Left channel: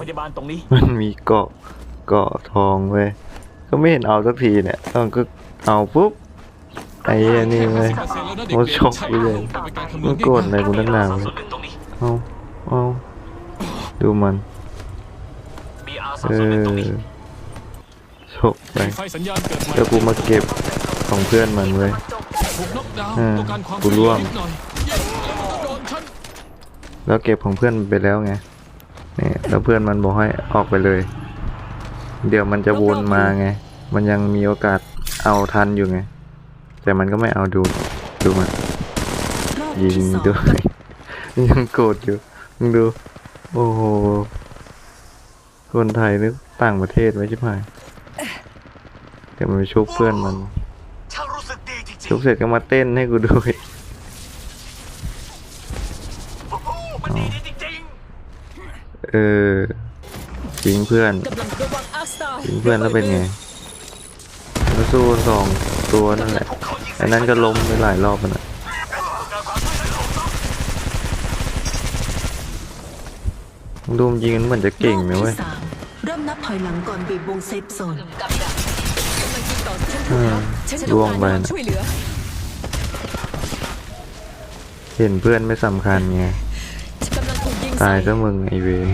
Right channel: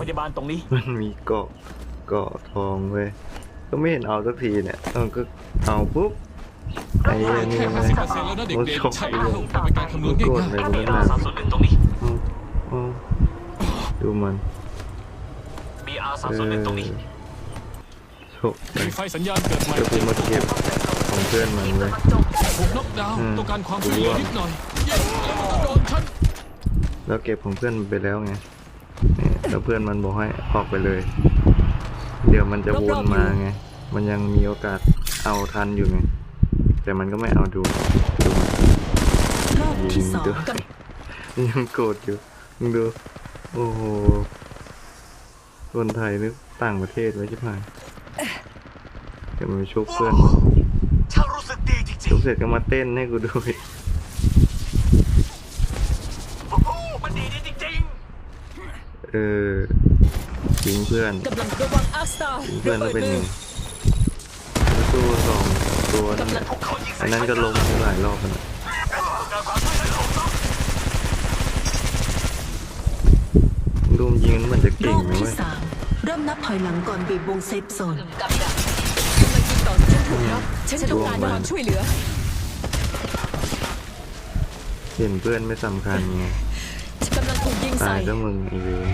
พยาบาลตรงนี้ มันมีเกาะเกาะทองเว้ยก็ไม่เห็นเอาสักทีเนี่ยตอนก็เอาปุ๊บไอ้เหี้ยนี่แค่เว้ย50%แล้วนะเด็โอ้กช็อกๆใช่ไปเลยแต่เป็นการคำนวมัณนโกรธง่ายอะไรกูนักหนาสามศูนย์หนึ่งตรงนี้เอาเอาดูมัน BR สามเอศูนย์หนึ่งอตรงนี้โชคไปๆไฟสัญญาณเกิดใหม่แล้วกูมาเก็บของเพื่อนมันเว้ยถูกน็อกดาวน์อืมต้องการความกูช่วยเหลืร่อวงนิดหน่อยเย้แล้วมันก็โดนฉันแล้วเก็บของเพื่อนมันไปแล้วไง นี่แล้วเพื่อนมันบอกให้ออกไปเลย เดี๋ยวมันจะวนมาไง มันยังมีโอกาสเอาทันอยู่ไง แต่มันก็ไม่เอาดู ดูมันรอบยิที่งสองดูยังโกรธอยู่มึงดู โอ้โห คนไทยนึกต่างประเทศไว้ชิบหายแต่มันไปชุบเพื่อนมันช่างรู้สึกดีจริงชุบเสร็จก็มาเต้นให้กูดูอีก เออทิ้งเพื่อนกำลังระวังอาร์สตาร์ทิ้งเพื่อนแล้วเป็นไงไปสู้สองตัวนั่นแหละๆพวกเขายิงอันนั้นก็ล้มไปหลายรอบแล้วนะการความช่วยเหลือของเราดูมนยิงมันเหมือนจะรเก่งอบนะที่เว้ยสามเริ่มนับถอยหลังก่อนบีบวงเซฟโซนกับดักกำลังยิงต่อสู้ถูกครับฉันต้องการความช่วยเหลือ เห็นเพื่อนไม่สำคัญไงกำลังถูกยิง ตาใส่ยก็มึงไอเวน